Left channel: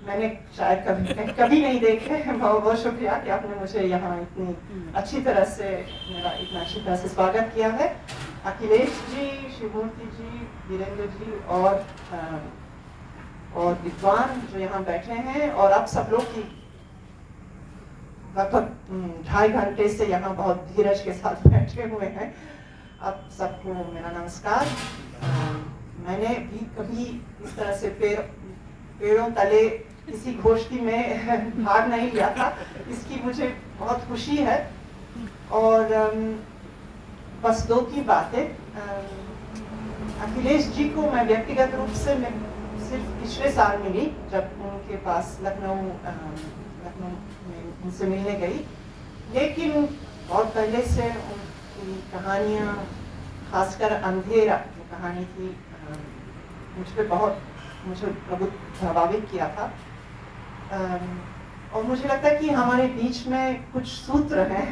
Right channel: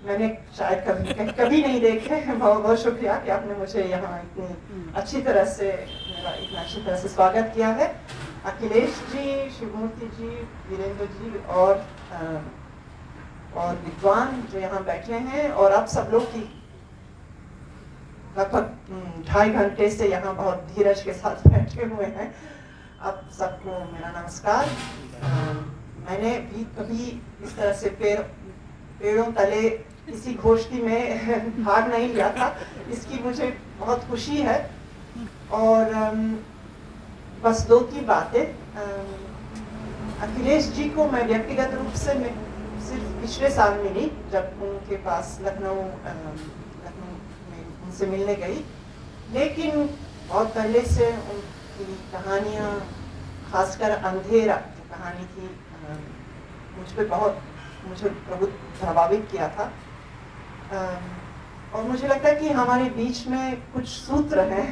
मैंने शायद कभी कभी नहीं देखे। बहुत बहुत शुक्रिया कि आपने मुझे यहाँ इतनी अच्छी तरह से मेरा इतना अच्छी तरह से स्वागत किया है। अखिलेश जी, शिवमूर्ति जी, वीरेंद्र जी और विद्वान जो यहाँ बैठे हैं, और आप सब लोग की लगभग 2.5 घंटे से यहाँ बहुत धीरज के साथ बैठे हुए हैं, आप सबको मेरा नमस्कार। मैंने भी कभी इस तरह से पेड़ों तले किसी गोष्ठी में भाग नहीं लिया था, इसकी मुझे बहुत खुशी है। और बस 2 की बातें। अखिलेश जी को मैं व्यक्तिगत रूप से मैं सिर्फ पिछले साल मिली, जब उनके पास लखनऊ में उनसे मिलने गई, लेकिन बहुत पहले से उनकी कहानियाँ, खासकर अंधेरा की कहानी थी, मुझे बहुत प्रभावित किया था। और मुझे लगता है कि हमारे बीच में कुछ सूत्र हैं।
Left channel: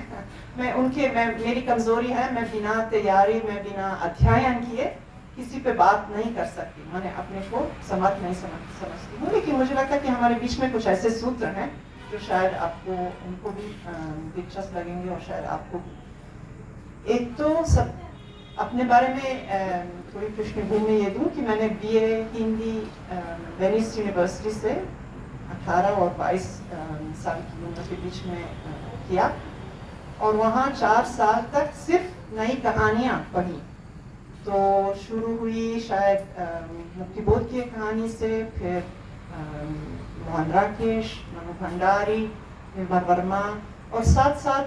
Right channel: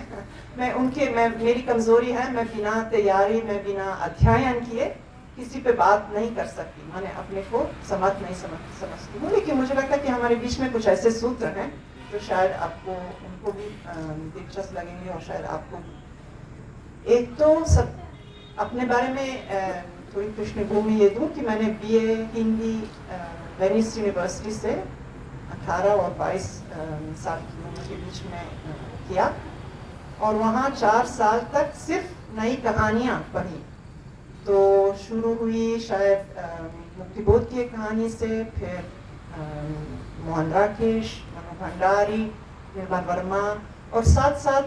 मेरी कमजोरी है, मैं बिना तैयारी में बिना अध्ययन किए किसी पे बात नहीं कर सकती, मैंने अपने को समर्थ नहीं समझती हूँ। लेकिन मुझे लगता है कि हमारे बीच में कुछ ऐसे सूत्र हैं जो शायद आपको उनको भी दिलचस्प लगेंगे, और शायद आपको। एक तो सब अपने बारे में थोड़ी पृष्ठभूमि ये दूँ कि मैंने BA हिंदी वेनिस यूनिवर्सिटी से 18 और 22 साल की उम्र के बीच में किया, और वहाँ 4 साल तक सिर्फ नई कहानियाँ पढ़ी। तो शुरू हुई शायद मुक्तिबोध की कहानी से, फिर मोहन राकेश, मनु भंडारी, निर्मल वर्मा, और साथ साथ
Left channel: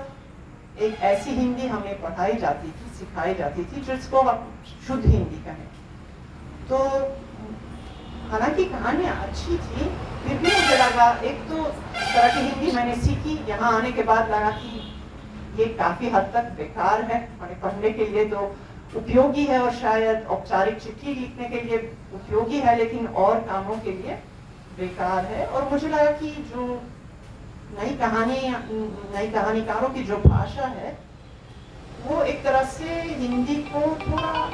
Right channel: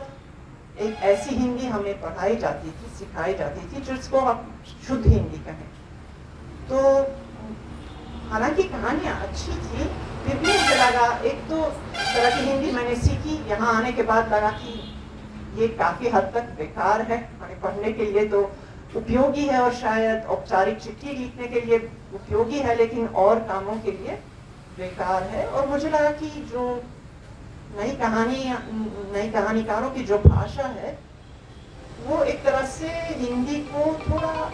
एक ऐसी हिंदी हमें पढ़ाई जाती थी, सिखाई जाती थी, जिसको हम शुद्ध हिंदी कहें। तो हालांकि कहानियाँ अच्छी थी, फिर भी मुझे लगा, एक तो तरह की हिंदी मैंने सीखी, यहाँ आने के बाद लगा कि ये काफ़ी हद तक बेकार है, हमें पढ़ने के लिए तो उपयोगी है, और शायद औपचारिक चिट्ठी लिखने के लिए उपयोगी है, लेकिन और कामों के लिए बेकार है। और मुझे लगा कि जो नई कहानीकारों की जो भाषा है, वो एक तरह से हिंदी को थोड़ा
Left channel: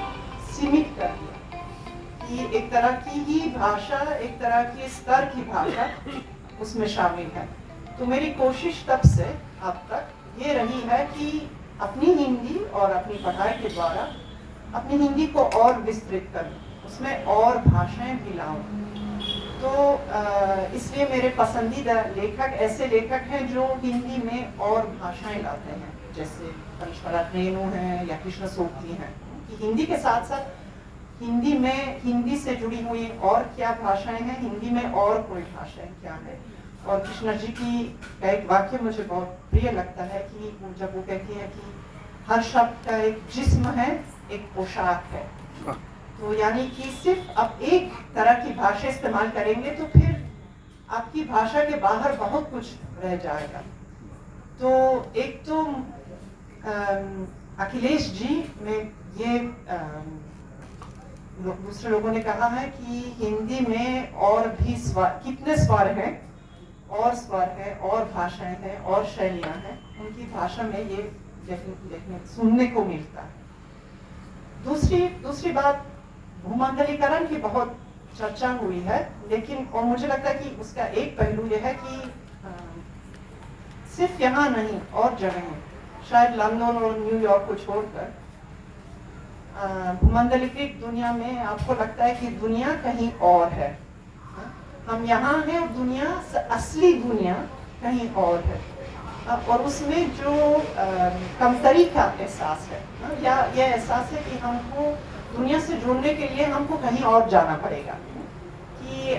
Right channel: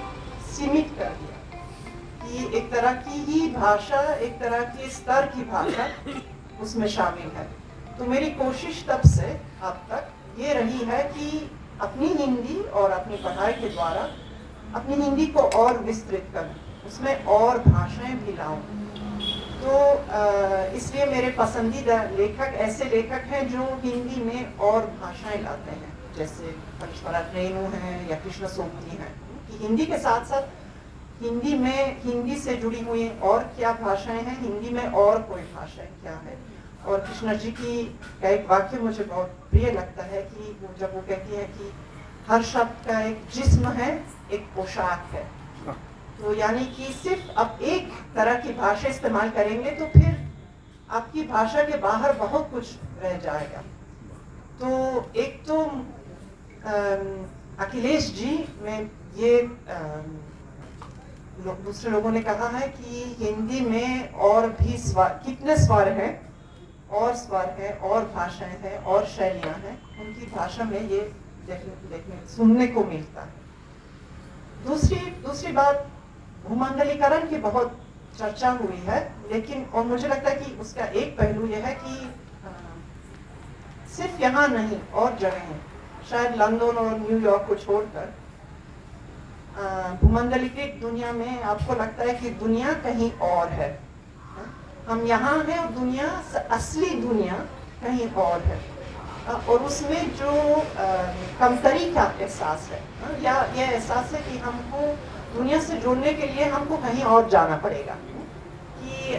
सीमित कर दिया, कि एक तरह की ही भाषा, एक तरह के स्तर की भाषा उसमें शामिल है। तो मेरी कोशिश तब से अब तक ये रही है कि अपनी हिंदी और अपनी पढ़ाई के द्वारा अपनी हिंदी को और विस्तृत करूं, उसमें और भाषाएं भी लाऊं। तो इसलिए मेरे पसंदीदा लेखक ऐसे लेखक हैं जो हिंदी में और भाषाएं लाते हैं, जैसे पंचमरत रेणु हैं या कृष्ण सोपती हैं। हिंदी के साथ साथ हिंदी से जुड़ी हुई और क्या भाषाएं हैं, हिंदी में और कोई भाषाएं क्या है। और कृष्ण जी की एक वाक्य मुझे बहुत प्रिय लगता है, कि जब वो कहती है कि हर शब्द का एक जिस्म है, एक पोशाक है। तो यानी कि सिर्फ आप एक तरह की भाषा इस्तेमाल करेंगे तो फिर आपकी भाषा के बाहर बहुत कुछ रह जाएगा। तो एक तो अखिलेश जी में ये दूसरे लोगों ने कहा है कि हिंदी में और भी कितने स्वर हैं, और स्वर है, और भाषाएं हैं, और शैलियां हैं, उनकी भाषा में ये देखने सुनने को मिलता है। दूसरी बात, भूमंडलीकरण की बहुत चर्चा हुई है, लेकिन और मुझे लगता है कि उसका एक पहलू यह है कि सिर्फ यहाँ नहीं, और जगह शायद लंदन और न्यूयॉर्क को छोड़कर भूमंडलीकृत दुनिया में आपको लगता है कि दुनिया कहीं और है। हम यहाँ हैं और दुनिया, असली दुनिया कहीं और है, और उसमें जो कमतरी का एहसास है, या ये एहसास है कि हमको दुनिया से जुड़ने के लिए हमको कहीं और जाना पड़ेगा, कि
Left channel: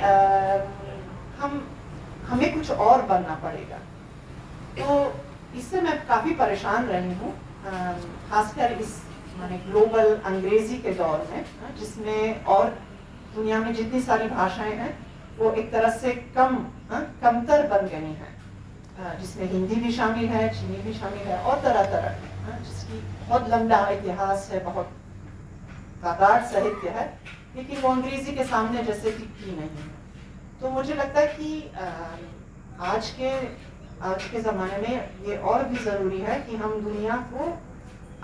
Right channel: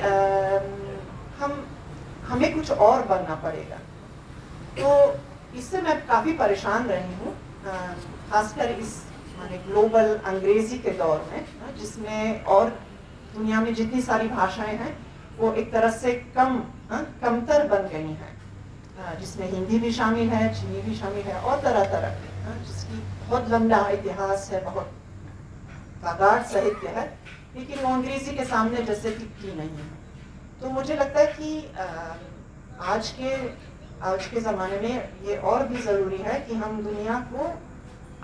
हमें कुछ और बनना पड़ेगा। तो इससे मैं काफ़ी परेशान रही हूँ, खासकर इस माने ग्लोबल अंग्रेजी के दौर में, जिसमें और दुनिया में जितनी सारी भाषाएं हैं वो एक तरह से कमतर बन गई हैं, जिसमें हिंदी भी शामिल है, चीनी भी शामिल है, और तरह तरह के, जिसकी बहुत लंबा इतिहास है, बहुत प्रगाढ़ साहित्य है, लेकिन वो अंग्रेजी के सामने जैसे टिकती नहीं है। तो मुझे लगता है कि आज के ज़माने में ये और भी ज़रूरी है कि हम दुनिया को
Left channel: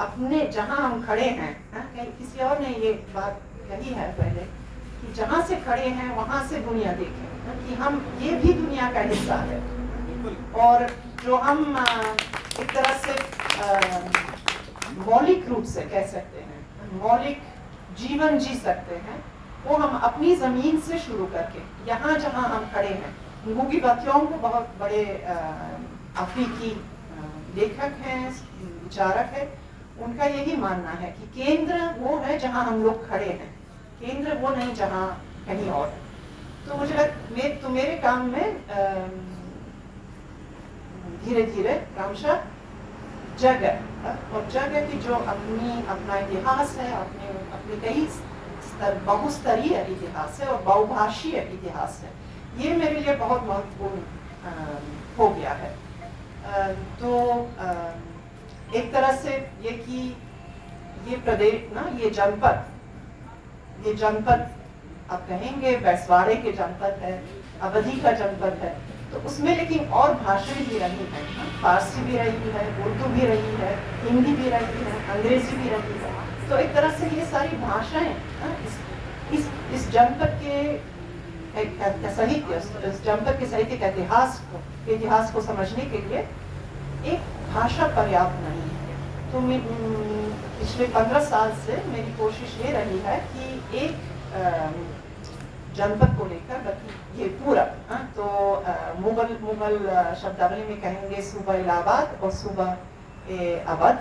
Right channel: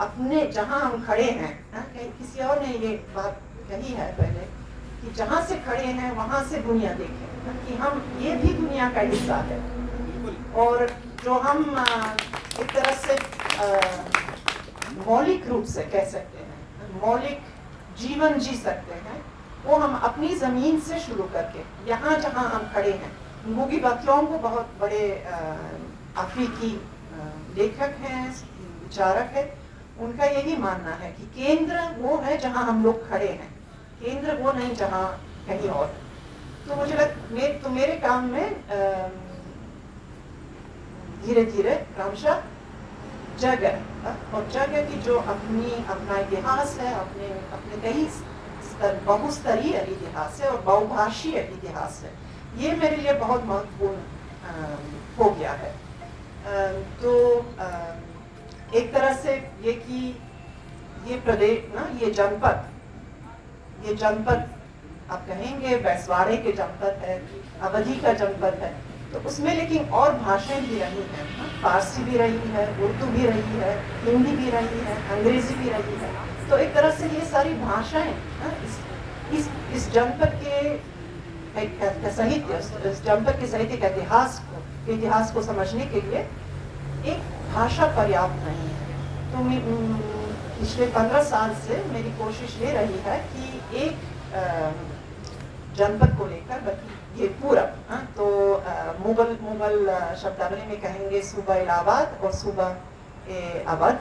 अपने जहाँ हम खड़े हैं, किसी और ने ये बात कही है पहले, कि जहाँ से खड़े हैं वहाँ से दुनिया देखें। कि हम ये भी दुनिया का हिस्सा है, और जो हम एक तरह से मौलिक रूप से कह सकते हैं, मौलिक जीवन जी सकते हैं, वो हम अपनी ज़मीन से शुरू करके यहाँ जहाँ हम खड़े हैं। नूगी बातियों को बहुत बड़े अफ्रीकी लेखक हैं, विचारक हैं, उनका यही मानना है कि केंद्र वो है जहाँ हम लोग खड़े हैं, केंद्र वो नहीं जहाँ कहीं और। तो मुझे तो मेरे काम में धीरे धीरे क्रमशः जगह और जगह की जो अपना इतिहास है, अपने कई बहुस्तरीय इतिहास है और बहुभाषीय इतिहास है, ये मेरे लिए बहुत महत्वपूर्ण हो गया है। तो एक तरह से ये कि ये प्रदेश ना, ये जनपद आप कहेंगे बैसवाड़े के जनपद है, अवधी का जनपद है, तो उसमें लेकिन और भाषाएं भी रही हैं, फारसी भी रही है, उर्दू भी रही है, हिंदी भी रही है, अंग्रेजी भी रही है। तो एक तरह से ये सारी भाषाएं इस जनपद के साहित्य, इस जनपद के साहित्य के इतिहास को समझने के लिए एक भाषा पर्याप्त नहीं है। तो पिछले 15 साल से मेरी कोशिश ये रही है कि एक जनपद को लेकर, बल्कि ये पूरा तो मुगल शब्दावली में कहेंगे सूबा इलाहाबाद और सूबा अवध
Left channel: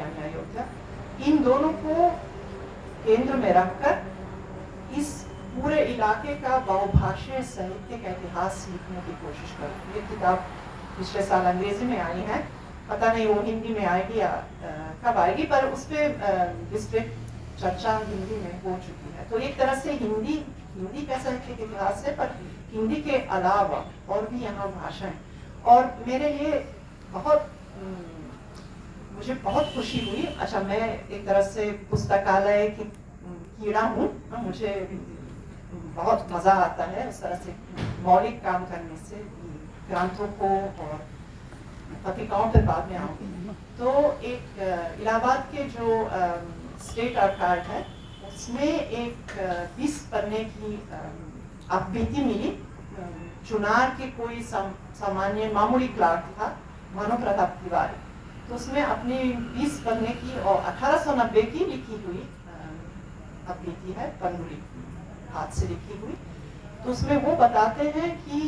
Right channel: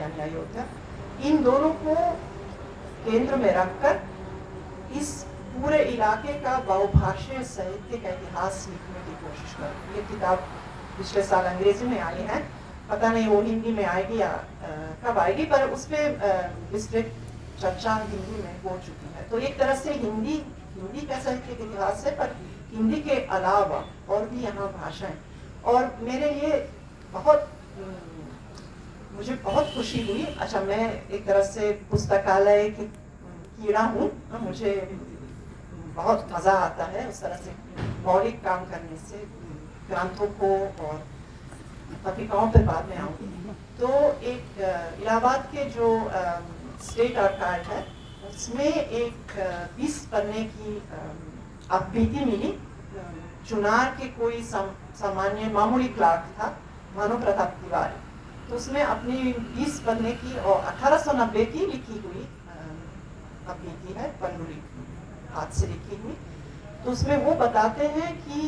यानी अयोध्या, इन दोनों को केंद्र में रखकर इस पूरे इलाके का बहुभाषीय साहित्य का इतिहास लिखने की कोशिश करूँ। ये किताब पिछले साल अंग्रेजी में आई है, पता नहीं वो हिंदी में आएगी या कब आएगी, पर उस पर विस्तृत चर्चा हिंदी में हो चुकी है। तो एक तरह से हिंदी का साहित्य के इतिहास है, पर हिंदी के अलावा और भी यहाँ भाषाएं। और मेरे लिए मुझे बहुत खुशी हुई। अच्छा, मैं एक तरह से पुस्तकालय की कीड़ा हूँ, मुझे बहुत मज़ा आता है उस तरह से मौलिक काम करने से, ग्रंथों को और पत्रिकाओं पर बाद में आऊँगी। तो एक इलाहाबाद के जो स्टेट आर्काइव है, उसमें एक 20 पन्ने की आवृत्ति मिली। चुनार के कोई सामान्य मामूली क्लार्क था, भानु प्रताप तिवारी, तो उसमें अपनी 20 पन्ने की और 1890 की लिखी हुई आवृत्ति है, पन्नुरी हाथ से लिखी हुई। तो उसमें वो बताते हैं कि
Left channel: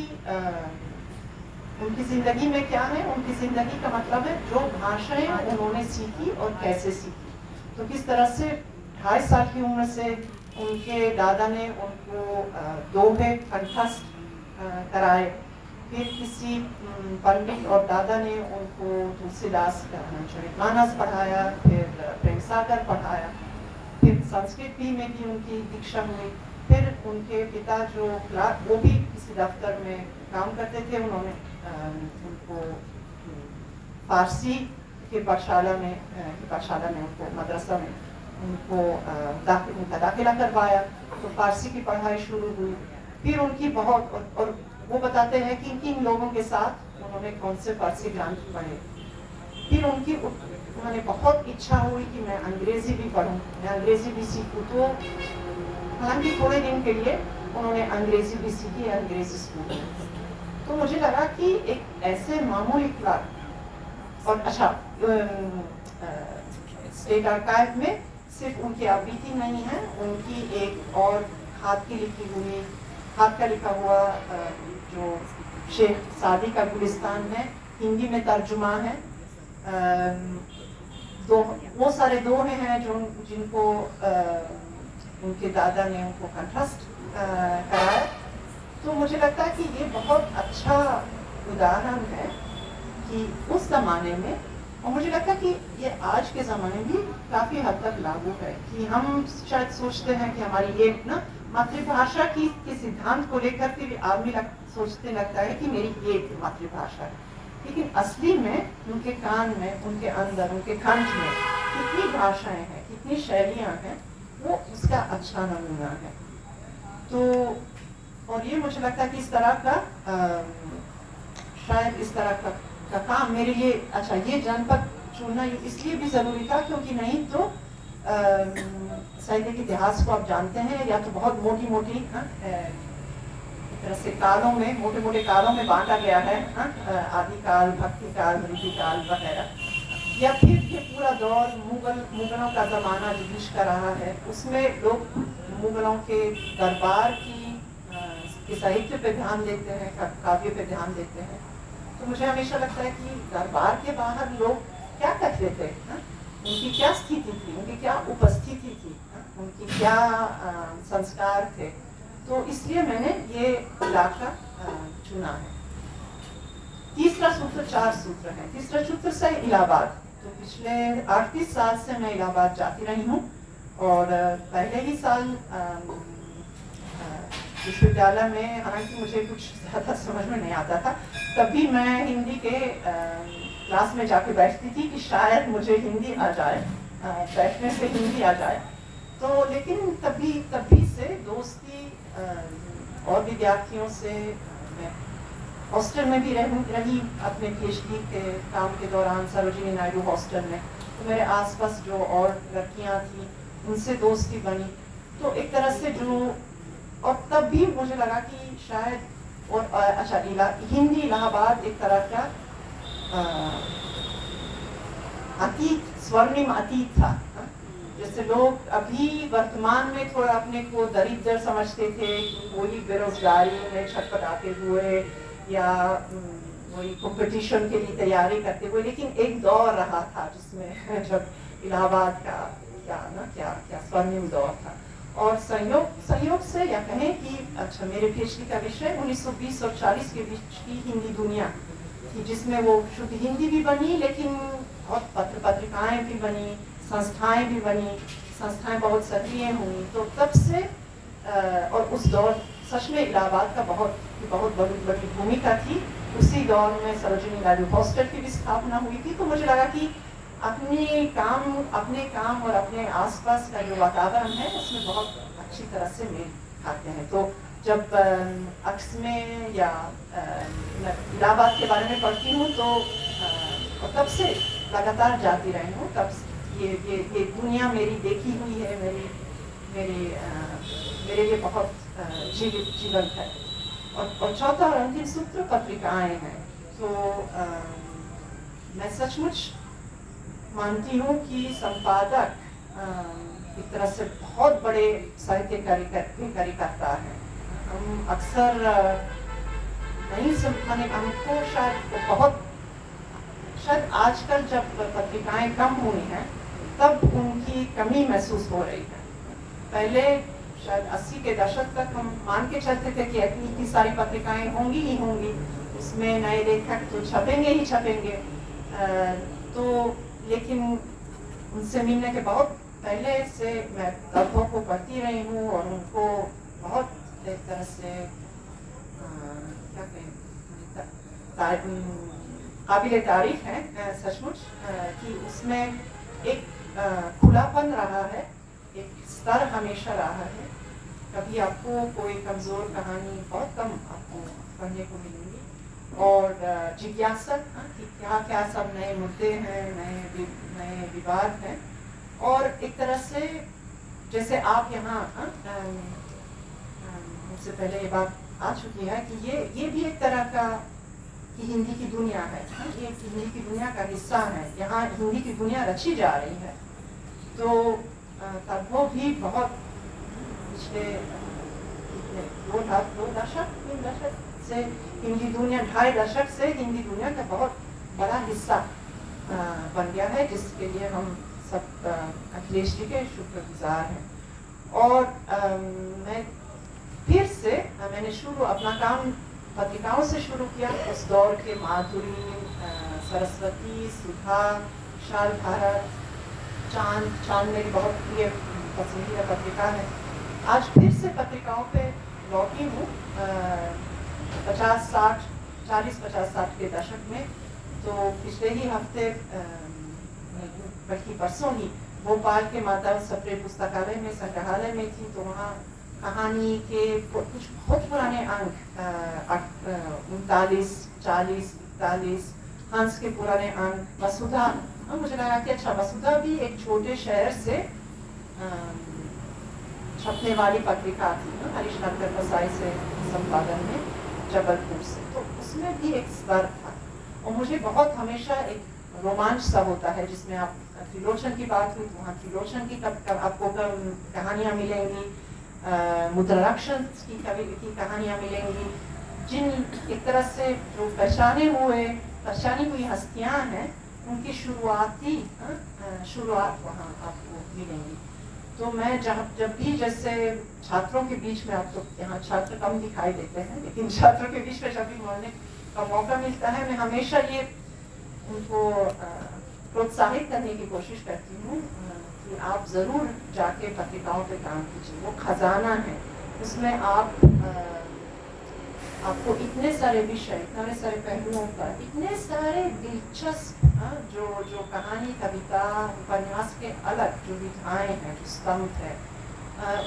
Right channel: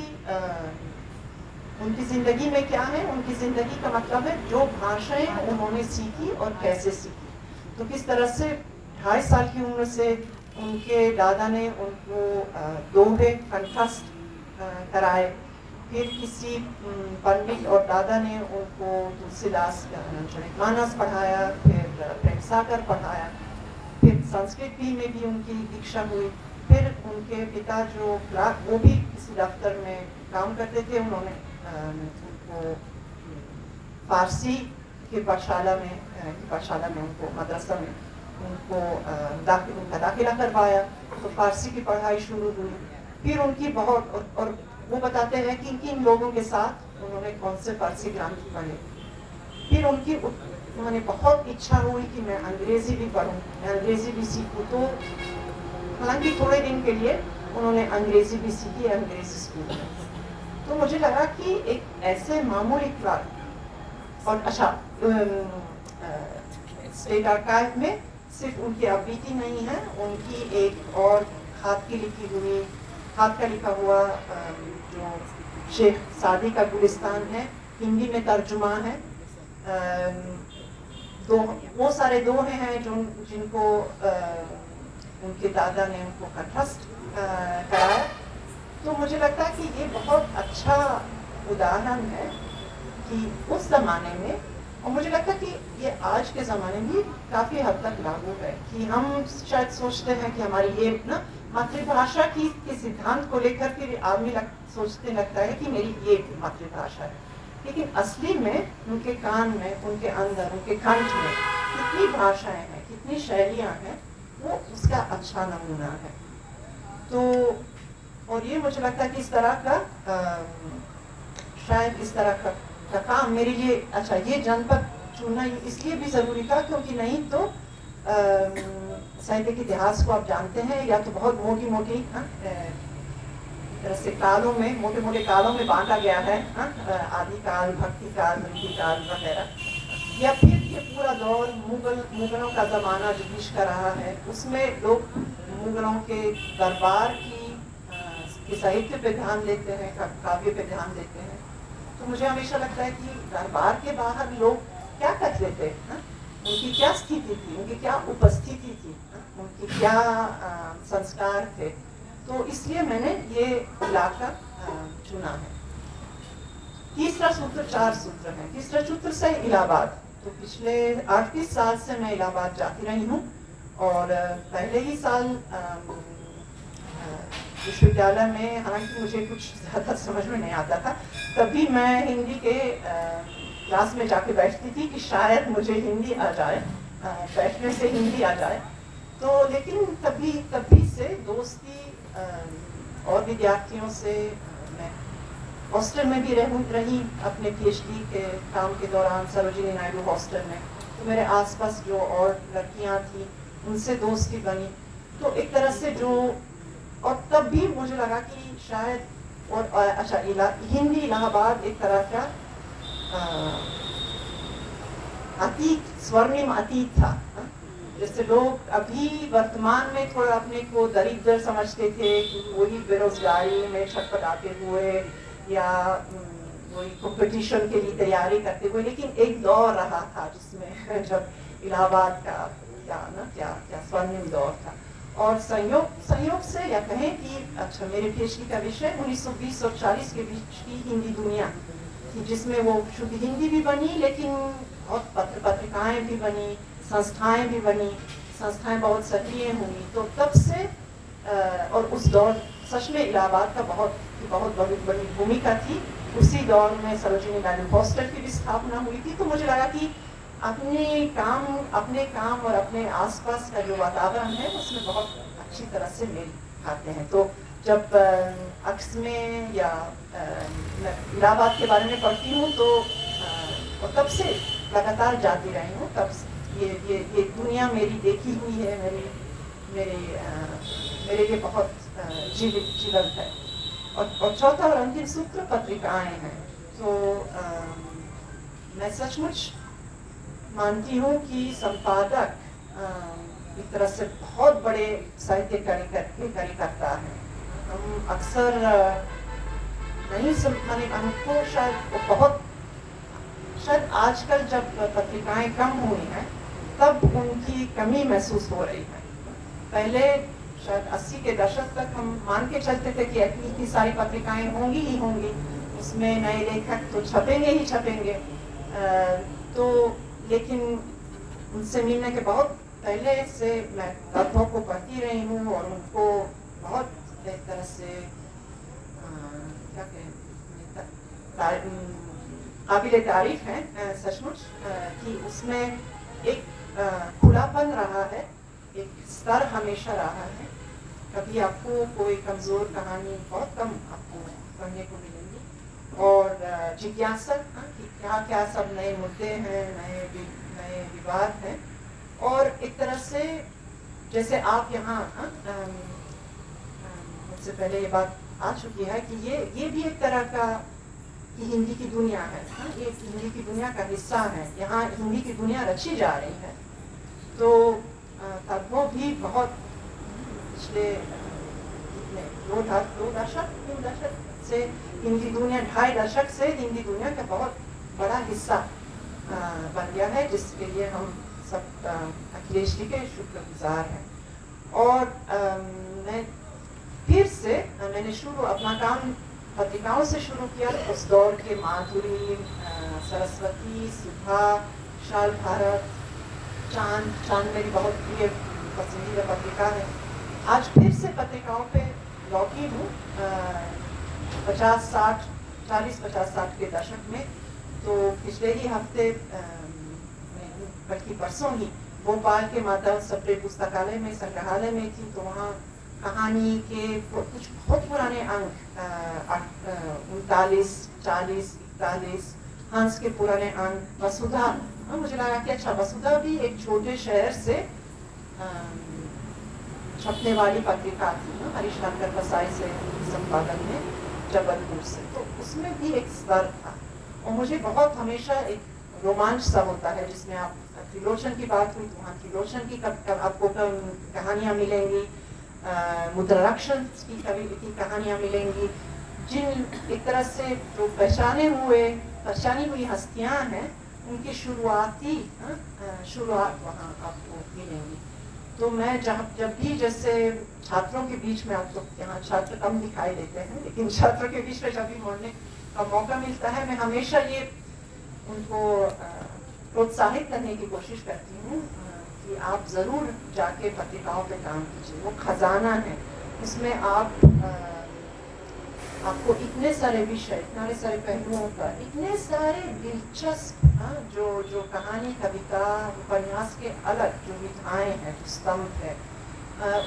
उनकी जिंदगी में क्या है। उनकी जिंदगी का मतलब है जो भाषाएं उन्होंने सीखी और कैसे सीखी। तो किस तरह से 28 साल की उम्र से उनके दादा ने उनको दोहे कंठस्थ कराए, फिर किसी पंडित और दादा ने उनको तुलसीदास मानस पढ़ाया, फिर प्रेमसागर पढ़ाया, फिर संस्कृत में भी उनकी दीक्षा हुई। फिर उनके पिता जो क्लार्क, वो भी किसी दफ्तर में काम करते थे, उन्होंने उनको फारसी के पाठशाला में उनको मदरसा में उनको दाखिला करवाया, तो फारसी की पढ़ाई शुरू हुई। फिर उनकी बहुत, और वो बताते हैं कि किन लोगों के साथ उन्होंने कौन से फारसी ग्रंथ पढ़े। फिर उनकी मैंने बहुत इच्छा हुई कि मैं अंग्रेजी भी पढूं, मैं अंग्रेजी भी सीखूं। तो हालांकि थोड़े दिन के लिए उन्होंने अंग्रेजी भी सीखी अंग्रेजी स्कूल में। तो मुझे लगा कि एक ऐसे मामूली क्लार्क, और अच्छा स्टेट आर्काइव में सिर्फ उनकी आवृत्ति नहीं है, उनकी एक और हाथ की लिखी हुई, हाथ का लिखा हुआ जो शेख सादी का गुलिस्तान है, हिंदी में तर्जुमा है। वो सारे दोहे हैं जो जिनको उनके दादा ने उनको कंठस्थ कराया। तो मुझे लगता है कि ये बहुत अच्छा उदाहरण है कि उस जमाने में, और मुझे लगता है कि ये आज के ज़माने में भी काफ़ी हद तक लागू है, कि हम शायद सोचते हैं कि हमारी ये ना मातृभाषा की सिद्धांत को लेकर के आदमी सोचते लगता है कि मेरी ये मातृभाषा है, लेकिन असली में उनके कान में, उनके अंदर, उनके कंठ में कितनी भाषाएं हैं, कितनी शैलियाँ हैं, वो उसका अच्छा नमूना है। तो और ये मुझे लगता है कि इस तरह का शायद इस तरह का काम मेरे लिए, अच्छा ये जनपद चुनना इसलिए भी ज़रूरी था क्योंकि नहीं तो साहित्य के इतिहास को आप जानते हैं, या तो बहुत मोटी तरह से कालों में, मोटे मोटे कालों में बांटा गया है, आदिकाल, भक्तिकाल, मृतिकाल वगैरह। या फिर ये पूरा दौर मुगलों का ज़माना जो बीच का रहा है, उसमें लोग मुगलों के दरबार की साहित्य पे ध्यान देते हैं, काव्य पे ध्यान देते हैं। तो मुझे हमेशा लगता है कि दरबार के बाहर लोग क्या करते थे, उनकी क्या स्थिति थी, उनकी क्या उपस्थिति थी, उनकी क्या संस्कार थे। तो इसलिए मैंने ये इलाका चुना है। तीसरा सूत्र 4 सूत्र है। तीसरा सूत्र से इलाहाबाद। तो पिछले 38 साल से मैं इलाहाबाद जाती रही हूँ और पहले ही साल विश्वविद्यालय में, हालांकि मुझे कुछ ज़्यादा समझ में नहीं आता था, तभी मैं हिंदी के क्लास में जाके बैठती थी कि शायद मुझे हिंदी आ जाए, बैठने से हिंदी आ जाए। तो लेकिन तभी से दोस्ती और विद्यार्थियों से, मैं हॉस्टल में भी रही अपने पीएचडी के काम के दौरान सरोजिनी नायडू हॉस्टल में। तो मेरे आसपास जो और लड़कियां थी उनसे दोस्ती बनी। तो एक तरह से जो, और तब भी मुझे लगा कि शायद, और अच्छा, हिंदी इलाहाबाद एक तरह का अतीत, स्वर्णिम अतीत था। जैसे लोग अभी वर्तमान में थोड़ा अपने को दरिद्र समझते थे, वही बेरोजगारी में छटपटाते हुए या वही कंपटीशन के लिए तैयारी करते हुए। लेकिन एक दौर रहा था जिसमें जब इलाहाबाद का क्या स्वर्णिम दौर था। और संयोग से, या कहें कि अच्छा, मेरे पीएचडी का विषय 1920 और 40 के बीच की हिंदी दुनिया थी, जिसमें वो शुद्ध हिंदी भी बनी, लेकिन बहुत पत्रिकाएं भी बनी, संस्थाएं भी बनी, संस्थाएं बहुत सक्रिय हुई। तो तब से और उस दौर सच में इलाहाबाद का बहुत बड़ी भूमिका थी। उसी दौर में सरोजिनी नायडू हॉस्टल की भी स्थापना हुई थी। तो मुझे लगा कि अपने काम और अपने आसपास का जो वातावरण है उसमें बहुत अच्छी तरह से मेल खाते हैं। तो जब अक्स में या मैं इलाहाबाद के बारे में पढ़ती हूँ तो तब से लगातार जाती रही हूँ। तब ये दुनिया मेरी देखी हुई है, मेरे लिए बहुत जीवंत है। और चौथा और अंतिम सूत्र पत्रिकाएं हैं। तो मैं सचमुच मानती हूँ कि संपादक एक तरह से बहुत बड़े साहित्य कार्य करता है। हम अक्सर नहीं माने, हमको शायद आजकल जब पत्रिकाएं कम हुई हैं तब उनकी कमी महसूस हो रही है। पहले शायद 80 के दशक तक हम मान के चलते थे कि इतनी सारी पत्रिकाएं होंगी ही होंगी, उसमें नए लेखक तो छपेंगे ही छपेंगे। तो लेकिन उनसे मिलने के बहुत पहले से मैं तत्वों को पढ़ती रही हूँ और उनको बहुत एक तरह से क्या कहें, काबिले तारीफ है सचमुच कि उसमें एक खुलापन रहा है, एक स्तर हमेशा रहा है। कभी आपको कोई कमजोर कहानी बहुत कम आपको पढ़ने को मिलेगी, और जिज्ञासा कि क्या क्या सब नए मुद्दे हैं, नए विवाद हैं। और एक तरह से जैसे आप यहाँ मुझसे पहले ये बात आ चुकी है कि ये भी एक तरह का कि हिंदी की दुनिया है, ये हिंदी की दुनिया का हिस्सा है। यहाँ हिंदी की दुनिया रची जा रही है। तो तब वो भी बहुत पिछले 2 दशक 3 दशक से हिंदी दुनिया, 2.5 दशक से हिंदी दुनिया का बहुत बड़ा हिस्सा बन गया है, जिसके लिए हम सब अखिलेश जी के शुक्रगुजार हैं। और मैं फिर से मैंने अपना काम पत्रिकाओं से शुरू किया। उस दौर के माधुरी, सरस्वती, सुधा, शाल भारत, चांद मेरी बहुत प्रिय पसंदीदा पत्रिका है। आज फिर से पत्रिकाओं पे लौटी हूँ 40-50-60 के दशक में। तो पिछले ही हफ्ते बल्कि परसों ही भोपाल के माता सप्रे पुस्तकालय में, संग्रहालय में थी। तो वहाँ कहानी के कुछ बहुत पुराने अंक 39, 40, 41 हंस के पुराने अंक, वसुधा। मुझे लगा कि अच्छा, वसुधा भी एक छोटे शहर से छपने वाली पत्रिका थी ना हरीश नंदन बसाई से संपादन में जबलपुर से, तो उसमें भी एक स्तर था। और मुझे बहुत हमेशा एक रोमांच सा होता है, जिसमें आप त्रिलोचन की बात हुई तो वहाँ त्रिलोचन की आपको कहानियाँ मिलेंगी, मुद्राक्षर की कहानियाँ मिलेंगी, जिन एक तरह से जो पहचानी हुई हस्तियाँ हैं उनकी शुरुआत वहाँ आपको मिलेंगी। तो मैं जब भी जैसे छात्रों के बीच में, अब तो यहाँ छात्र कम दिखाई देते हैं, लेकिन छात्रों के बीच में जब भी मोड़ने का मौका मिलता है, मैं हमेशा ये उनको प्रोत्साहित करने की कोशिश करती हूँ कि आप ज़रूर जाके पत्रिकाओं पे काम कीजिए। वो खजाना है, उसमें आपको इतने सारे विषय, इतने सारे पहलुओं का, इतने सारे दिलचस्प जो कहानी, कविता, उपन्यास के अलग जो विधाएं हैं, स्तंभ है,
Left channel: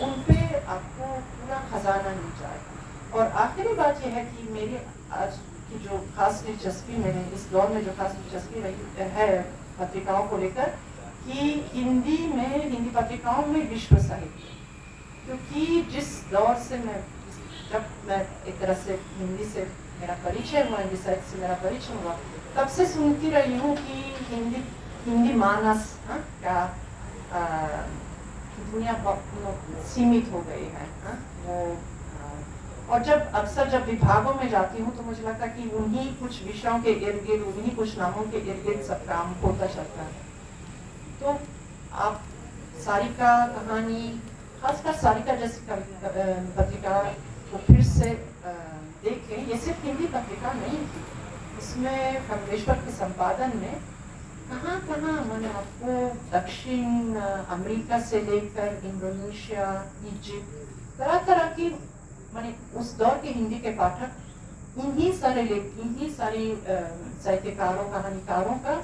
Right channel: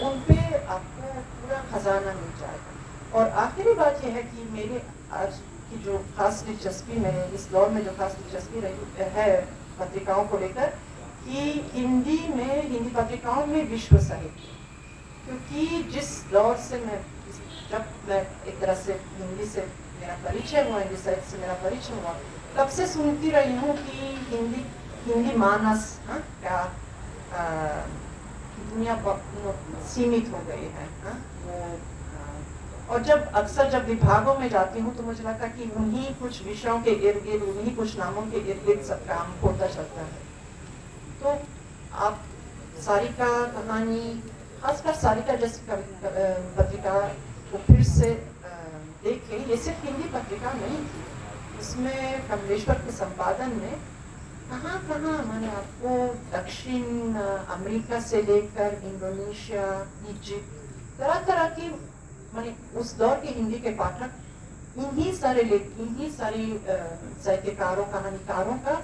उन पे आपको पूरा खजाना मिल जाएगा। और आखिरी बात यह है कि मेरी आज की जो खास दिलचस्पी में, इस दौर में जो खास दिलचस्पी रही है पत्रिकाओं को लेकर, कि हिंदी पत्रिकाओं में विश्व साहित्य, क्योंकि जिस दौर से जब मैं एक तरह से हिंदी से मेरा परिचय हुआ, हिंदी साहित्य से मेरा परिचय हुआ, तब से सुनती रही हूँ कि हिंदी मानस क्या दुनिया सीमित हो गई है वो। और जब विभागों में जाती हूँ तो मुझे लगता है कि उन्हीं कुछ विषयों के इर्द गिर्द, उन्हीं कुछ नामों के इर्द गिर्द सब काम होता चलता है। तो आप सारिका कहानी, खासकर सारिका जैसी पत्रिका को फिर से देखें। ये सिर्फ हिंदी पत्रिका नहीं थी, इसमें खगेश्वर के संपादन में कहाँ मैंने आपको दक्षिण अमेरिका से लेकर इंडोनेशिया, इजिप्ट, तरह की, मैंने उस दौर के हिंदी के पाठक इन्हीं सारे साहित्यकारों, कहानीकारों का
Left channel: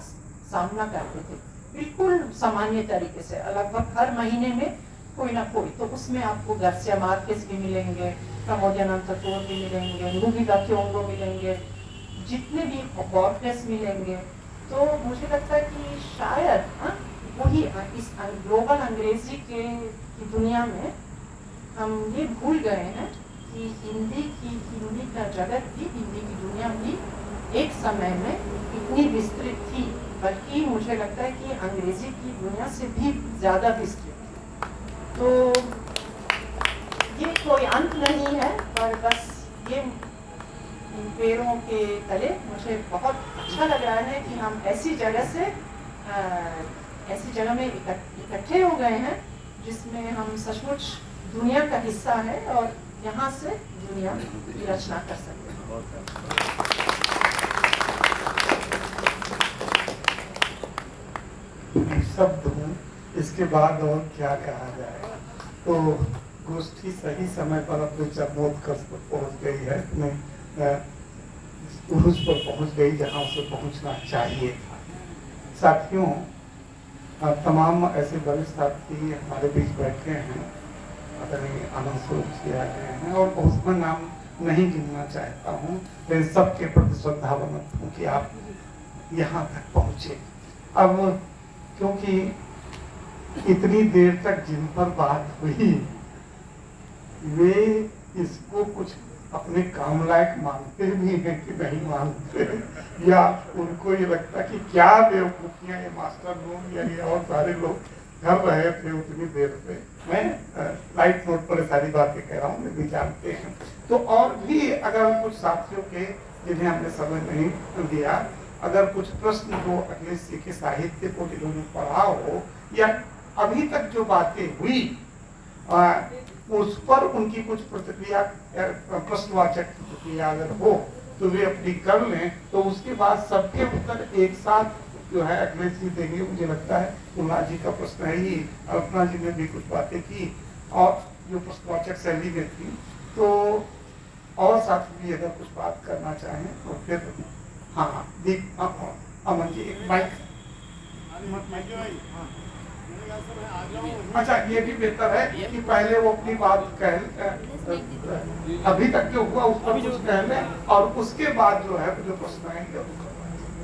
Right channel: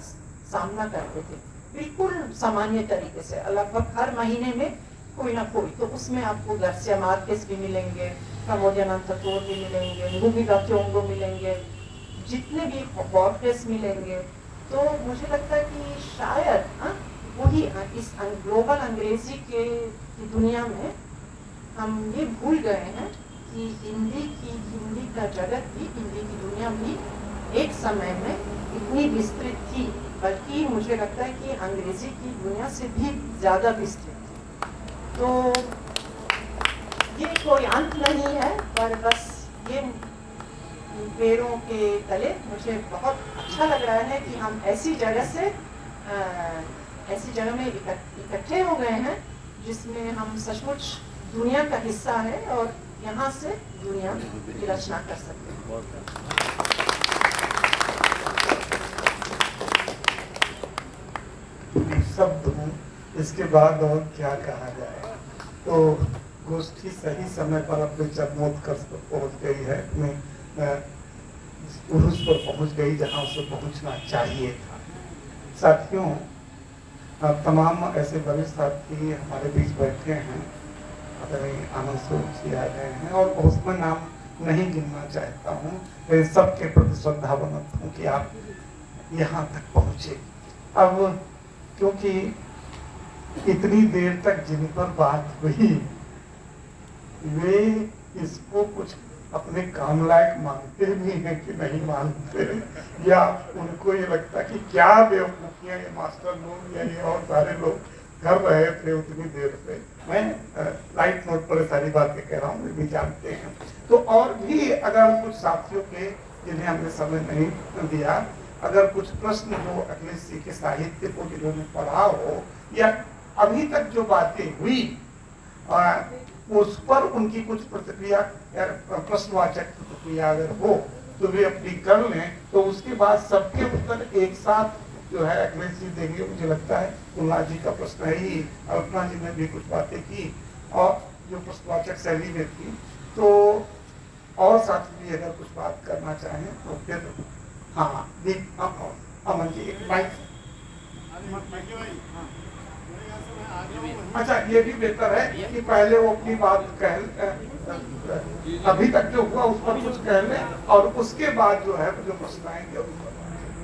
सामना करते थे, बिल्कुल सामान्य तरीके से, लगभग हर महीने में कोई ना कोई। तो उसमें आपको गार्सिया मार्केस भी मिलेंगे, कामोडियानांतपुर भी मिलेंगे, लुइगी दा क्योंगो मिलेंगे, जितने भी बॉर्गेस मिलेंगे। तो मुझे लगता है कि शायद वही इस ग्लोबल अंग्रेजी की दुनिया में हम ये भूल गए हैं कि हिंदी का जगत भी, हिंदी की दुनिया भी एक समय में इतनी विस्तृत थी, बल्कि मुझे लगता है कि अंग्रेजी की दुनिया से भी ज़्यादा विस्तृत थी। तो ये कोई अंत नहीं है, पर बस ये पेड़ों के तले मुझे बहुत अच्छा लग रहा है कि हम ऐसी जगह में इकट्ठे हो गए हैं जिसमें हम सचमुच दुनिया का हिस्सा है और यहाँ से दुनिया की रचना कर सकते हैं। शब्द हूँ, इसके बाद और क्या कहा जाए। तो गोष्ठी सही समय पर अपने चरमोत्कर्ष कर पहुँच गई है, अपने उर्स पर पहुँच गई जहाँ से पहुँचना चाहिए था। साथियों, तमाम ऐसे वरिष्ठ साथी हमारे बीच बैठे हैं, आनंद आ गए हैं, और उसमें नाम नहीं गिनना चाहता हूँ, लेकिन सबके प्रति श्रद्धावंत हूँ कि आप यहाँ तक पहुँचे। अब क्योंकि इतनी देर तक जिन पर बात हुई वे इसको कुछ अपने काम लायक मानते भी हैं कि नहीं मानते, या उनको ये लगता कि क्या बेवकूफियां ये मास्टर लोग या ये और सारे लोग कर रहे थे उतनी देर से। मैं लाइट नोट पर सारी बातें कह रहा हूँ, वे भी जानते हैं। तो और भी अगर कुछ साथियों के जिन्हें हमने समय नहीं दिया, अगर कुछ प्रश्न हो अखिलेश जी के साहित्य को जिन्होंने पढ़ा हो, या अभी तक जो बातें हुई उस पर उनकी कुछ प्रतिक्रिया या प्रश्नवाचक प्रतिक्रिया अगर हो तो वे अपनी कर लें, तो उसके बाद सबके उत्तर एक साथ जो है अखिलेश जी देंगे। मुझे लगता है कुमार जी का प्रश्न है ही, अल्पना जी ने भी कुछ बातें की और जो प्रश्नवाचक शैली में थी, तो और साथी भी अगर कुछ बात करना चाहें तो फिर हाँ दीप अमन जी एक माइक। अच्छा, ये भी बेहतर है कि पहले वो अपनी बात कह, अभी तक जो हुआ उस पर कुछ कह लें और उसके बाद जो है जो प्रश्न आएंगे